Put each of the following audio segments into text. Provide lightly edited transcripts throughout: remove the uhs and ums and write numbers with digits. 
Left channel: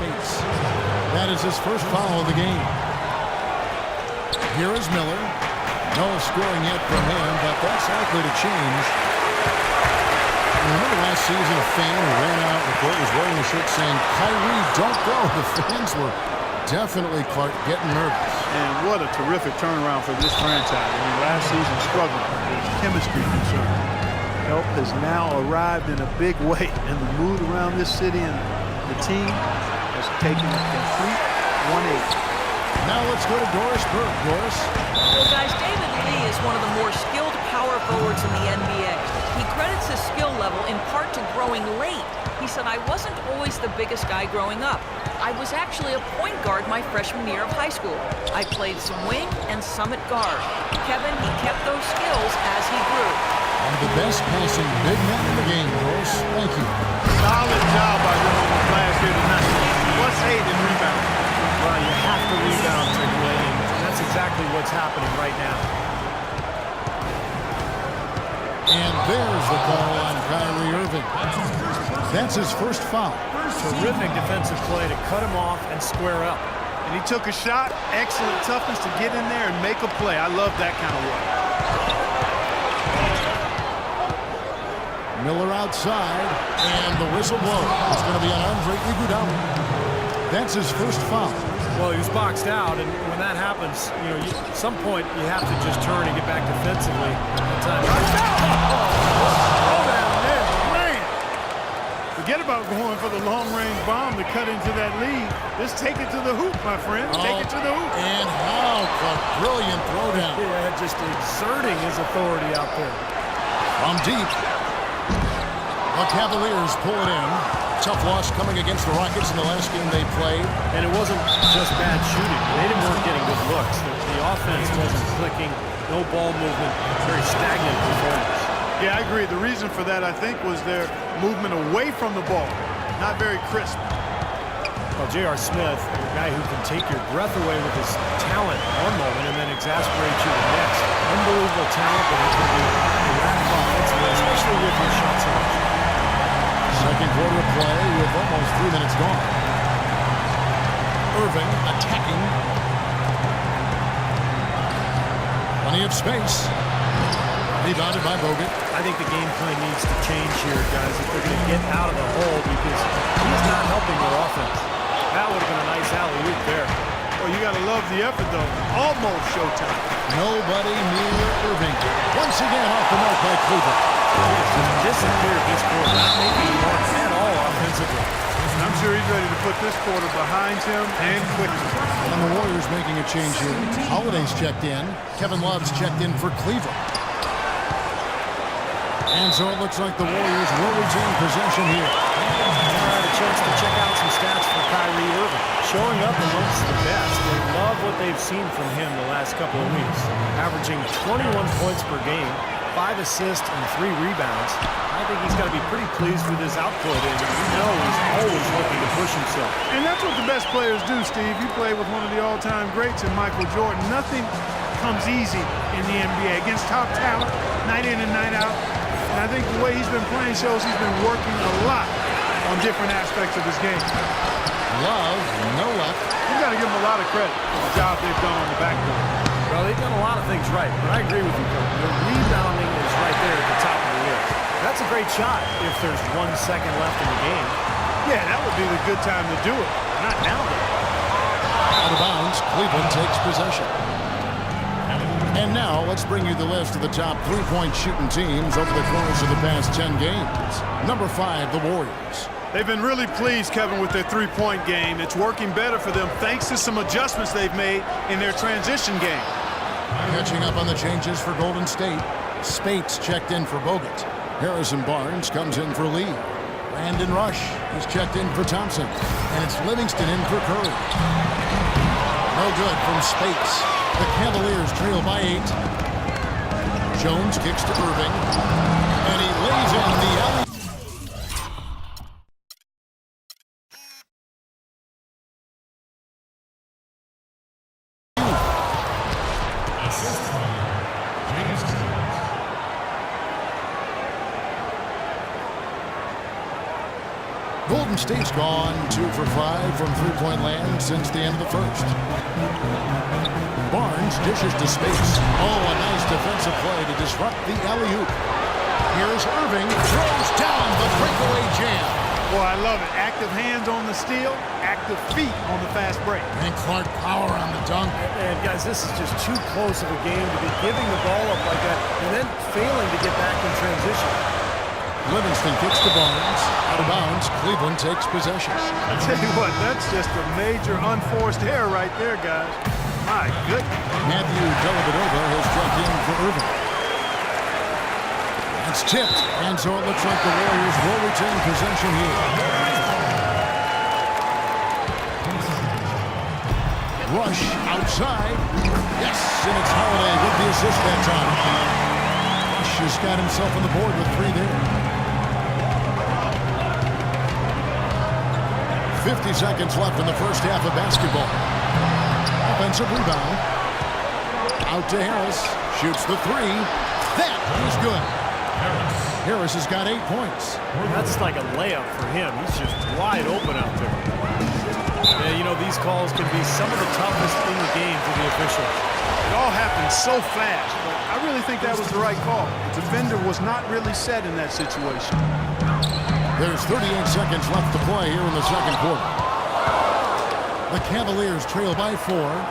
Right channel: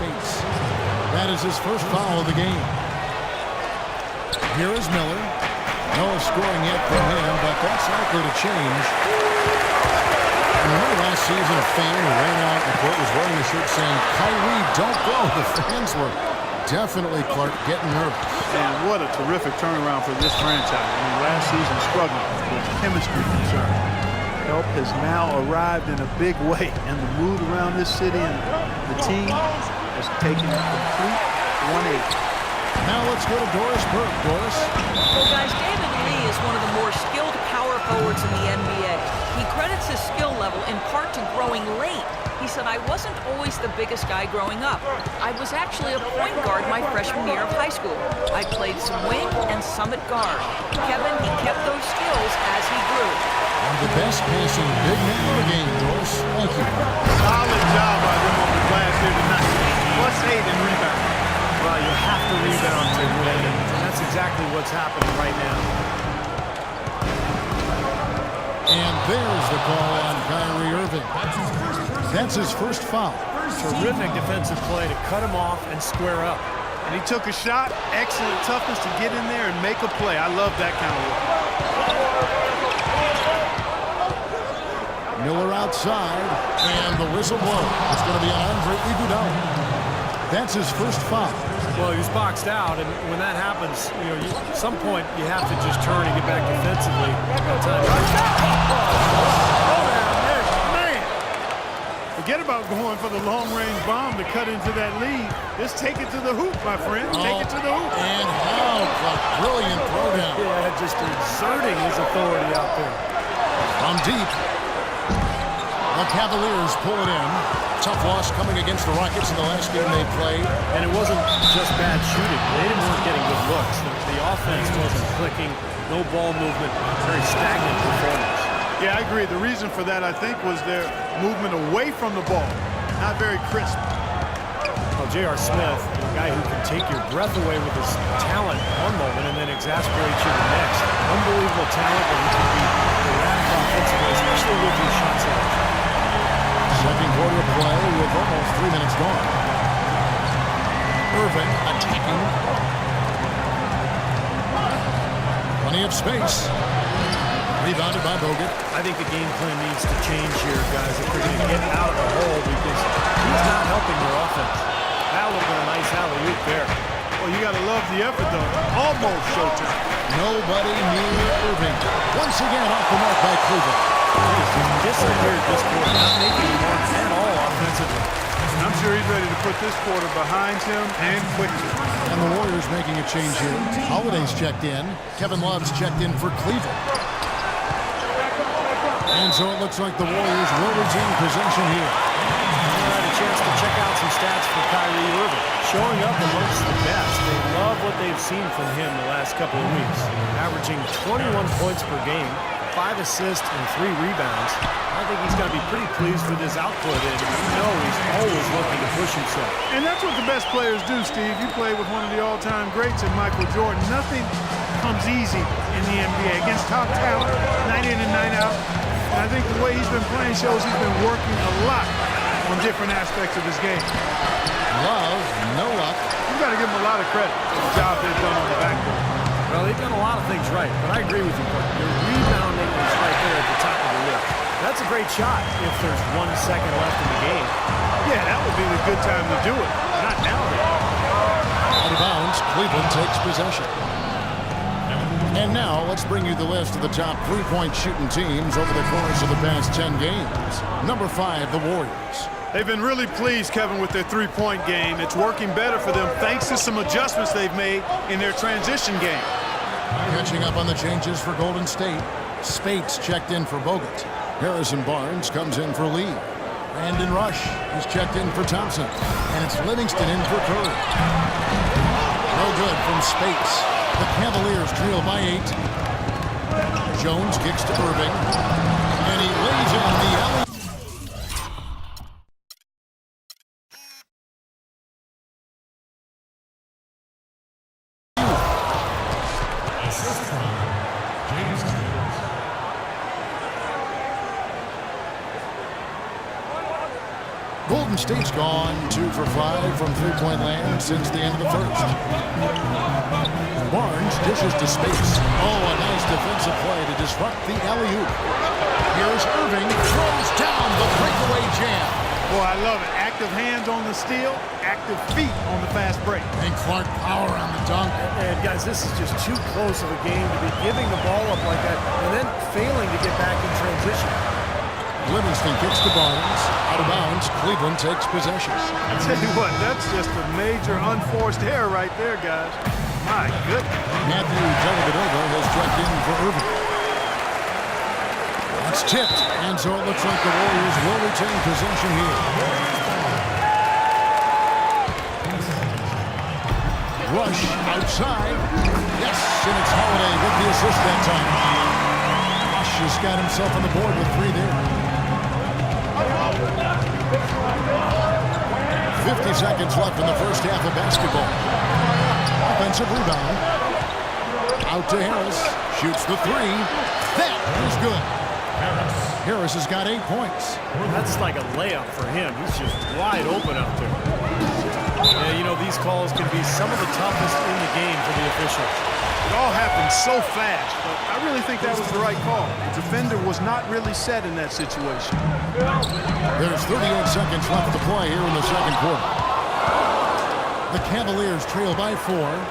Spates. That is his first foul of the game. Here is Miller. No scoring yet from him, but that's likely to change. Remember last season a fan who ran out in the court was wearing a shirt saying, "Kyrie, don't go." The fans were definitely, Clark, getting nervous. And what a terrific turnaround for this franchise. I mean, last season struggling with chemistry concern. Help has now arrived in a big way, and the mood around this city and the team has taken a complete 180. Now let's go to Doris Burke. Doris? Well, guys, David Lee is one of the more skilled power forwards in the NBA. He credits his skill level in part to growing late. He said, "I wasn't always the biggest guy growing up. I was actually a point guard my freshman year of high school. I played some wing and some at guard. Kevin, he kept those skills as he grew." One of the best passing big men in the game, Doris. Thank you. Solid job by them on the glass here tonight. +8 in rebounding. Well, you have to rebound to win, and that's exactly what's happening right now. And there's the call on Kyrie Irving. That's his first foul. Terrific defensive play to cut him off and square up. And he took a shot. Excellent toughness to get in there and make a play. I love that kind of work. Miller outside, and the whistle blows. It's going to be on Andre Iguodala. That's his first foul. Well, he was boxed out, and when that happens, you know, at some point you have to just turn and get back defensively. That time. What a throw down there, man! Forget about going for the long-range bomb to cut into that lead. Just take it to the hoop, my friend. Take it to the hoop. And how, Clark, brilliant throwdown. Yeah, just exerting his authority out there. From deep. The Cavaliers pull it in. Tough loss coming against the Rockets in the last game they played. And it wasn't just bad shooting. They weren't getting good looks. The offense wasn't clicking. No ball movement. Very stagnant performance. Yeah, I agree. The reason for that, I think, was their movement away from the ball. Not very crisp. Well, J.R. Smith, a guy who can take your breath away with his talent one moment and then exasperate you the next. Unbelievable talent, but he can be erratic offensively, especially with his shot selection. Second quarter play with almost 3 minutes gone. Irving attacking. Plenty of space. Rebounded by Bogut. I think the game plan needs to change here, guys, if they're going to get out of the hole, because he's not helping their offense. That would have been a nice alley-oop there. Well, you got to love the effort, though. Almost showtime. Nobody near Irving. Once again off the mark by Cleveland. He has just disappeared this quarter, not making a mark at all offensively. And I'm sure he's ready to put this quarter behind him and quickly. And the Warriors making a change here. Holiday's checked in. Kevin Love's checked in for Cleveland. And so it looks like the Warriors will retain possession here. All right, a chance to check out some stats for Kyrie Irving. Showing up amongst the best. They love what they've seen from him the last couple of weeks. Averaging 21 points per game, 5 assists and 3 rebounds. I think he's got to be pretty pleased with his output, and you know he's always looking to push himself. And that's what the best players do, Steve. You play with one of the all-time greats in Michael Jordan. Nothing comes easy in the NBA against top talent, night in and night out. And I think the way he's been playing shows he's been working a lot on different aspects of his game. Love, no luck. You've got to give him a lot of credit for the job they've done on the backboard. Well, they've done a lot of things right, but I agree with you, Kirk. Their rebounding is right there at the top of the list. That's a great shot if there's 1 second left in the game. Yeah, that would be the good time to do it. Not now, though. Out of bounds, Cleveland takes possession. And now, let's bring you the list of the top three-point shooting teams over the course of the past 10 games. Number 5, the Warriors. They've been really pleased, Kevin, with their three-point game. It's working better for them thanks to some adjustments they've made in their transition game. Catching up on the changes for Golden State. Spates checked in for Bogut. Harrison Barnes comes in for Lee. Brandon Rush is checked in for Thompson. And it's Livingston in for Curry. No good from Spates. The Cavaliers trail by 8. Jones kicks to Irving. And he lays in the alley. Assist from James Jones. Golden State's gone 2 for 5 from three-point land since the end of the first. Barnes dishes to Spates. Oh, a nice defensive play to disrupt the alley-oop. Here's Irving, throws down the breakaway jam. Boy, I love it. Active hands on the steal, active feet on the fast break. And Clark power on the dunk. And guys, this is just too close of a game to be giving the ball up like that and then failing to get back in transition. Livingston kicks to Barnes. Out of bounds, Cleveland takes possession. I tell you what, that's just a major unforced error right there, guys. My goodness. Matthew Dellavedova has checked in for Irving. That's tipped, and so it looks like the Warriors will retain possession here. Rush outside. Yes, and it's Holiday with the assist that time. Rush has got himself on the board with 3 there. 50 seconds left in the first half of basketball. Offensive rebound. Out to Harris. Shoots the 3. That is good. Harris has got 8 points. That's like a layup for him. He's just wide open out there. Yeah, you know, these calls can be some of the toughest in the game for the officials. It all happened so fast, but I really think that was the right call. The defender was not really set in that situation. There's 38 seconds left to play here in the second quarter. The Cavaliers trail by 4.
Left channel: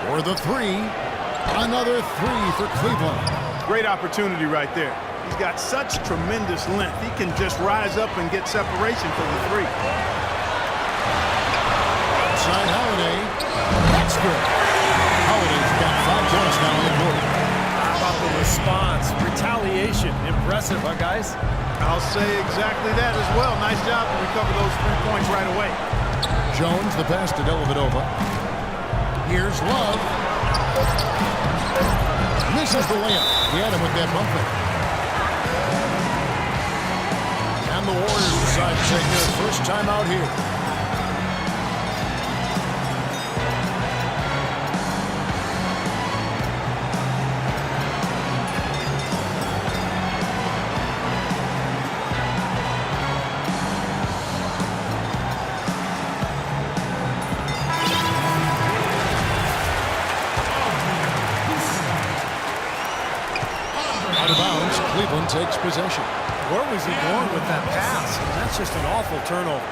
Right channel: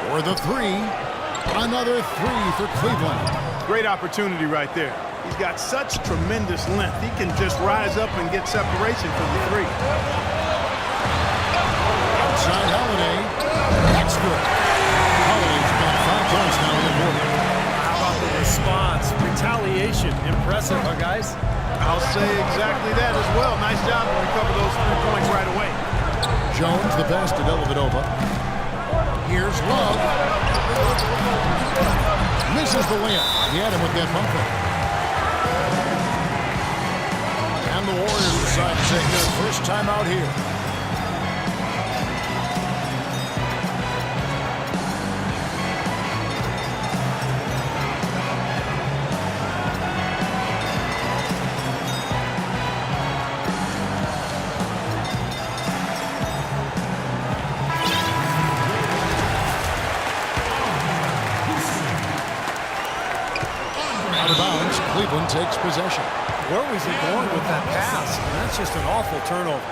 For the 3. Another 3 for Cleveland. Great opportunity right there. He's got such tremendous length. He can just rise up and get separation for the 3. Outside Holiday. That's good. Holiday's got 5 points now in the quarter. How about the response? Retaliation. Impressive, huh, guys? I'll say exactly that as well. Nice job to recover those 3 points right away. Jones, the pass to Dellavedova. Here's Love. Misses the layup. He had him with that bump fake. And the Warriors decide to take their first time out here. Out of bounds, Cleveland takes possession. Where was he going with that pass? And that's just an awful turnover.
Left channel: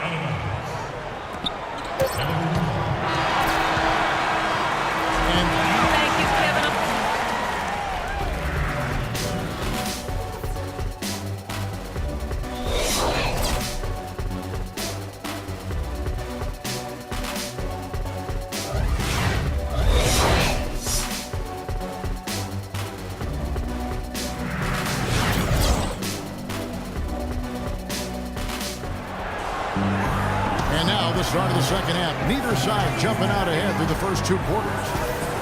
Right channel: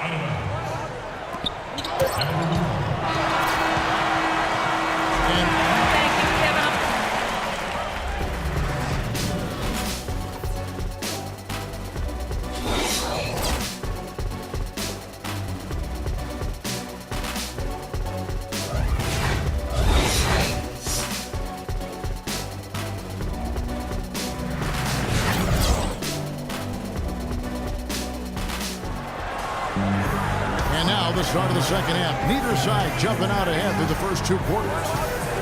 Out of bounds. And Thank you, Kevin. And now the start of the second half. Neither side jumping out ahead through the first 2 quarters.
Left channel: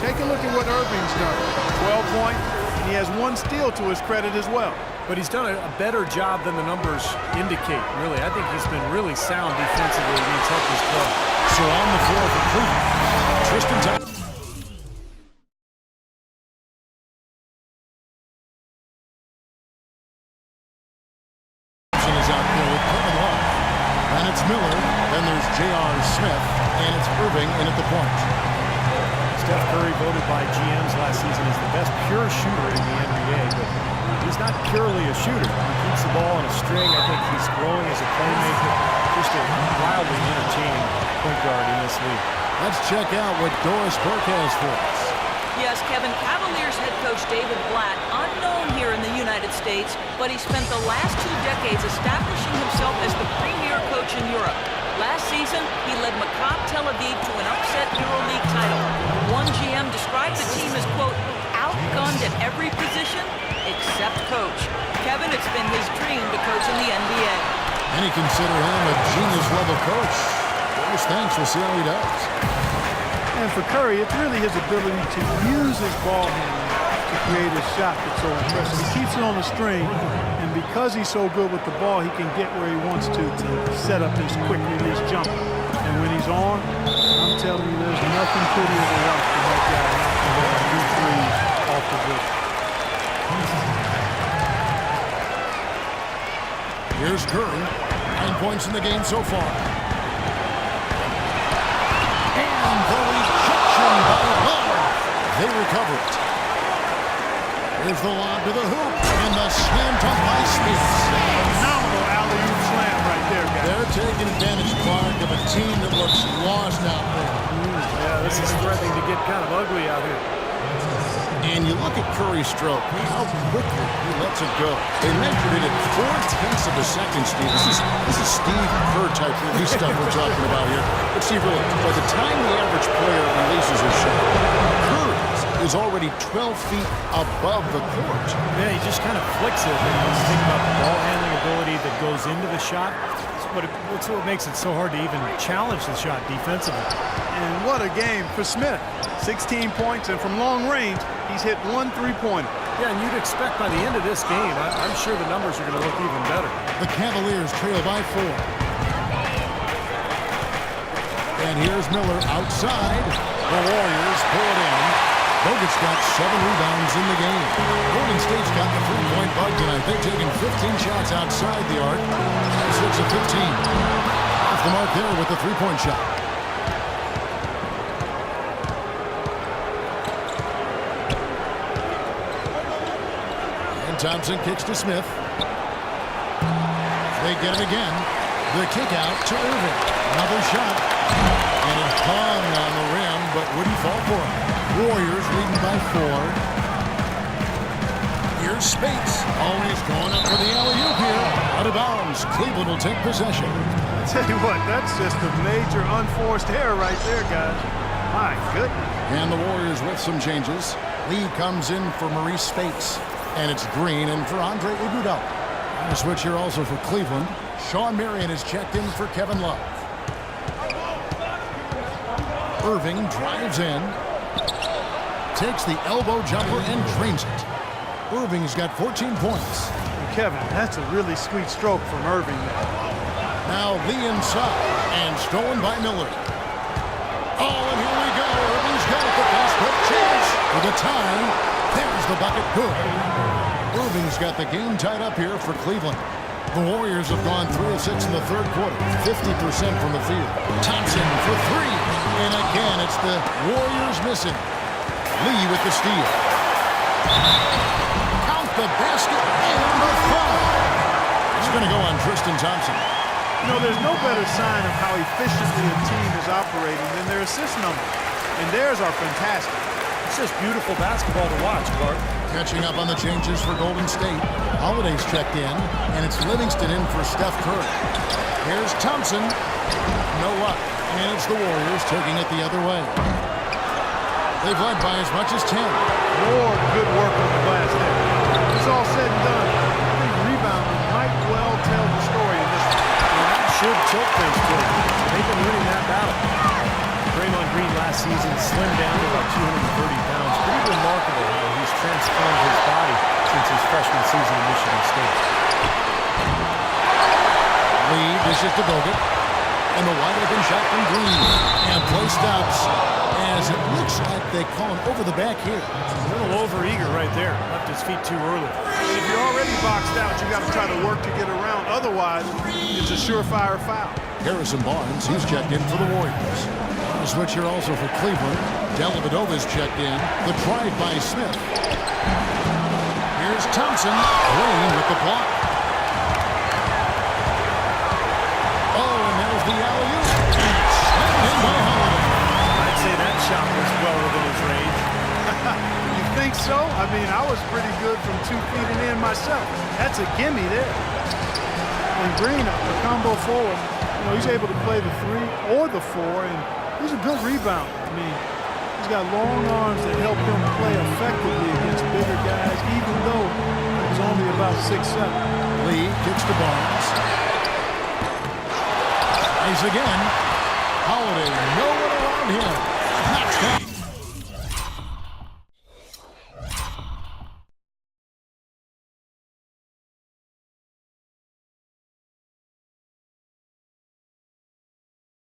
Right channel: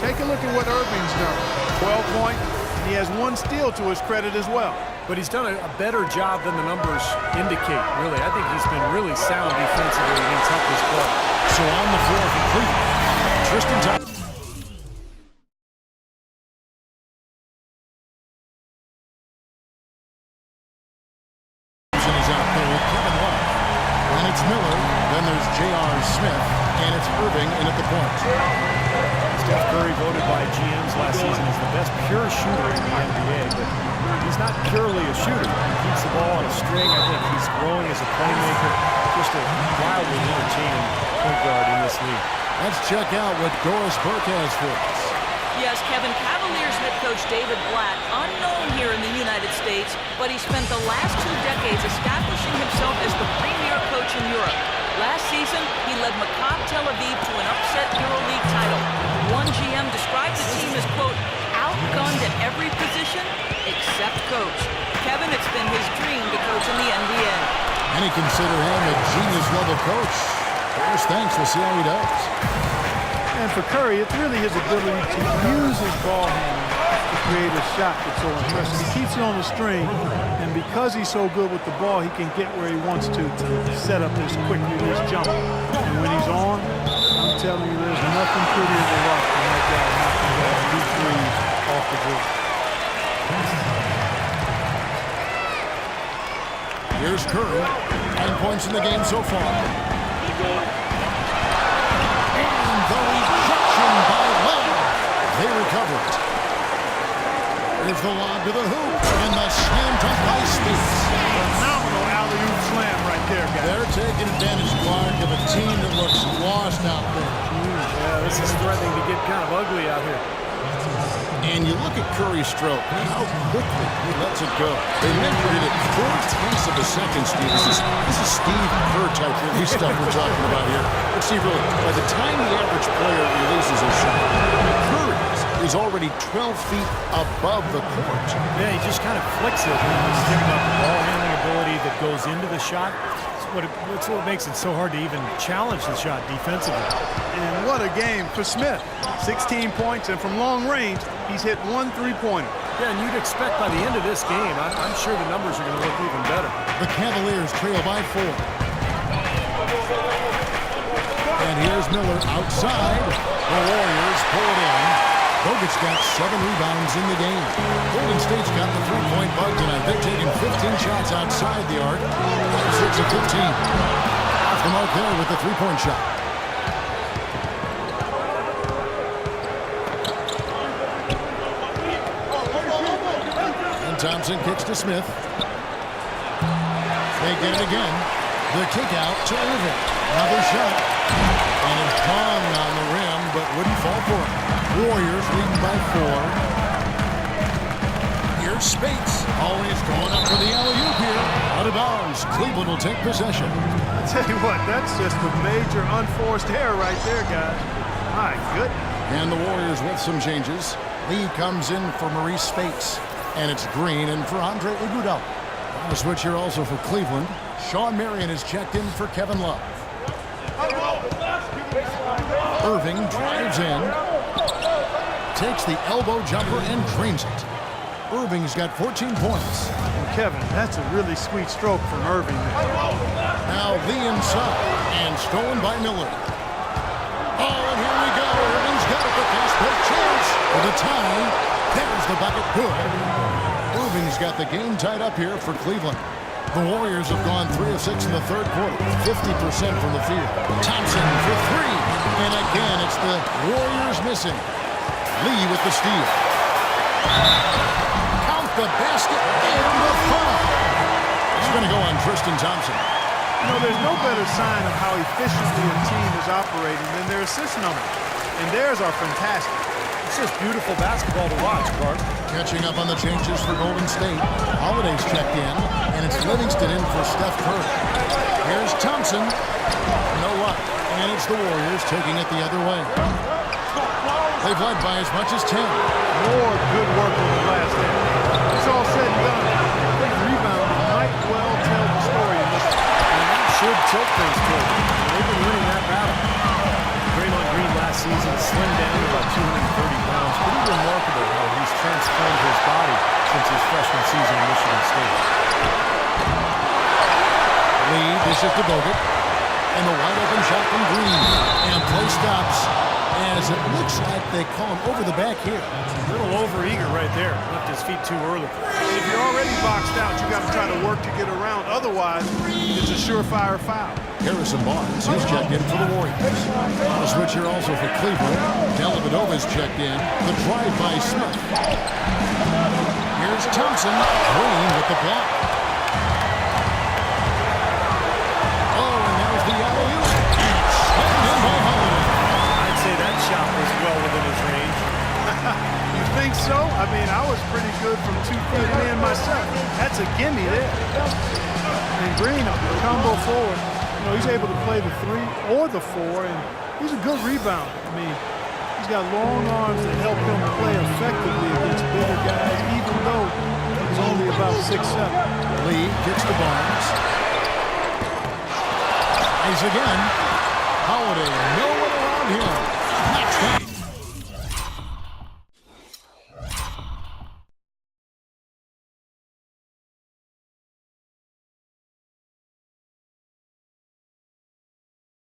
Take a look at what Irving's done. 12 points, and he has 1 steal to his credit as well. But he's done a better job than the numbers indicate, really. I think he's been really sound defensively, and he's helped his club. So on the floor for Cleveland, Tristan Thompson. Is out there with Kevin Love. And it's Miller, then there's J.R. Smith, and it's Irving in at the point. Steph Curry voted by GMs last season as the best pure shooter in the NBA, but he's not purely a shooter. He keeps the ball on a string. I think he's growing as a playmaker. Just a wildly entertaining point guard in this league. Let's check out what Doris Burke has for us. Yes, Kevin, Cavaliers head coach David Blatt, unknown here in the United States, but he spent the last 2 decades establishing himself as the premier coach in Europe. Last season, he led Maccabi Tel Aviv to an upset EuroLeague title. One GM described the team as, quote, outgunned at every position except coach. Kevin, it's been his dream to coach in the NBA. Many consider him a genius-level coach. Doris thinks we'll see how he does. And for Curry, it's really his ability to use his ball handling to create a shot that's so impressive. He keeps it on the string, and because he's so good with the ball, he can get where he wants to set up this quick release jumper. And when he's on, I'm telling you, there's nothing prettier to watch than that guy knocking down deep threes off the dribble. Here's Curry. 9 points in the game so far. And the rejection by Love. They recover it. Here's the lob to the hoop. And the slam dunk by Spates. Phenomenal alley-oop slam right there, guys. They're taking advantage, Clark, of a team that looks lost out there. Yeah, this is threatening to get kind of ugly out here. And you look at Curry's stroke, how quickly he lets it go. They measured it at 4/10 of a second, Steve. This is Steve Kerr type release stuff we're talking about here. But Steve, really, by the time the average player releases his shot, Curry's is already 12 feet above the court. Yeah, he just kind of flicks it. And when you think about the ball handling ability that goes into the shot, it's what makes it so hard to even challenge the shot defensively. And what a game for Smith. 16 points, and from long range, he's hit 1 3-pointer. Yeah, and you'd expect by the end of this game, I'm sure the numbers are going to look even better. The Cavaliers trail by 4. And here's Miller outside. The Warriors pull it in. Bogut's got 7 rebounds in the game. Golden State's got the 3-point bug tonight. They're taking 15 shots outside the arc. 6 of 15. Off the mark there with the 3-point shot. And Thompson kicks to Smith. They get it again. The kick out to Irving. Another shot. And it hung on the rim, but wouldn't fall for it. Warriors leading by 4. Here's Spates. Always going up for the alley-oop here. Out of bounds. Cleveland will take possession. I tell you what, that's just a major unforced error right there, guys. My goodness. And the Warriors with some changes. Lee comes in for Maurice Spates. And it's Green in for Andre Iguodala. On a switch here also for Cleveland. Sean Marion is checked in for Kevin Love. Irving drives in. Takes the elbow jumper and drains it. Irving's got 14 points. And Kevin, that's a really sweet stroke from Irving there. Now Lee inside and stolen by Miller. Oh, and here we go. Irving's got it. The fast break chance for the tie. There's the bucket. Good. Irving's got the game tied up here for Cleveland. The Warriors have gone 3 of 6 in the third quarter, 50% from the field. Thompson for 3. And again, it's the Warriors missing. Lee with the steal. Count the basket and the foul. It's going to go on Tristan Thompson. You know, there's no better sign of how efficiently a team is operating than their assist numbers. And theirs are fantastic. It's just beautiful basketball to watch, Clark. Catching up on the changes for Golden State. Holiday's checked in, and it's Livingston in for Steph Curry. Here's Thompson. No luck. And it's the Warriors taking it the other way. They've led by as much as 10. More good work on the glass there. It's all said and done. I think rebounding might well tell the story in this one. And that should tilt things toward them. They've been winning that battle. Draymond Green last season slimmed down to about 230 pounds. Pretty remarkable how he's transformed his body since his freshman season at Michigan State. Lee dishes to Bogut. And the wide open shot from Green. And play stops as it looks like they call him over the back here. A little over-eager right there. Left his feet too early. If you're already boxed out, you got to try to work to get around. Otherwise, it's a surefire foul. Harrison Barnes, he's checked in for the Warriors. On a switch here also for Cleveland. Dellavedova's checked in. The drive by Smith. Here's Thompson. Green with the block. Oh, and there's the alley-oop. And it's slammed in by Holiday. I'd say that shot was well within his range. You think so? I mean, I was pretty good from 2 feet and in myself. That's a gimme there. And Green, a combo forward, you know, he's able to play the 3 or the 4, and he's a good rebounder. I mean, he's got long arms that help him play effectively against bigger guys, even though he's only about 6'7". Lee kicks to Barnes. Eyes again. Holiday, no one around him. Knocks down.